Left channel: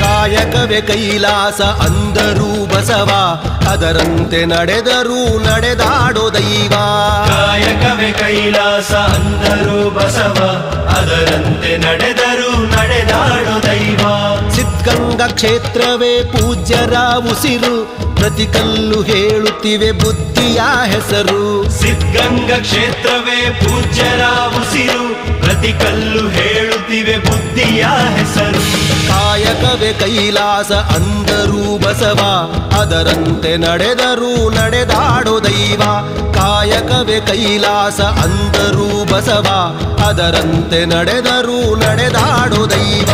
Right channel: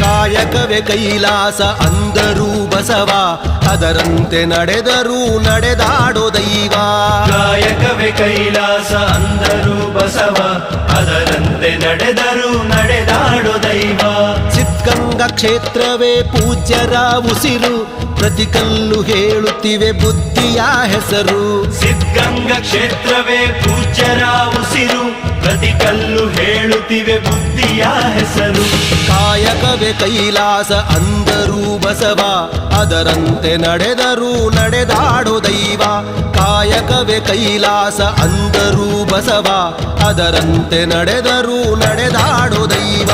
ಕಾಯಕವೇ ಕೈಲಾಸ ಅಂದರೂ ಬಸವ, ಅದರಂತೆ ನಡೆದರೂ ನಡೆದಾಡೋ ದೈವ. ಕಾಯಕವೇ ಕೈಲಾಸ ಅಂದರೂ ಬಸವ, ಅದರಂತೆ ನಡೆದರೂ ನಡೆದಾಡೋ ದೈವ. ಸಿದ್ಧಗಂಗಾ ಕ್ಷೇತ್ರವೇ ಪೂಜ್ಯರ ಉಸಿರು, ಪ್ರತಿ ಕಲ್ಲು ಹೇಳುತ್ತಿವೆ ಬುದ್ಧಿಯ ಹೆಸರು. ಸಿದ್ಧಗಂಗಾ ಕ್ಷೇತ್ರವೇ ಪೂಜ್ಯರ ಉಸಿರು, ಪ್ರತಿ ಕಲ್ಲು ಹೇಳುತ್ತಿವೆ ಬುದ್ಧಿಯ ಹೆಸರು. ಕಾಯಕವೇ ಕೈಲಾಸ ಅಂದರೂ ಬಸವ, ಅದರಂತೆ ನಡೆದರೂ ನಡೆದಾಡೋ ದೈವ. ಕಾಯಕವೇ ಕೈಲಾಸ ಅಂದರೂ ಬಸವ, ಅದರಂತೆ ನಡೆದರೂ ನಡೆದಾಡೋ ದೈವ.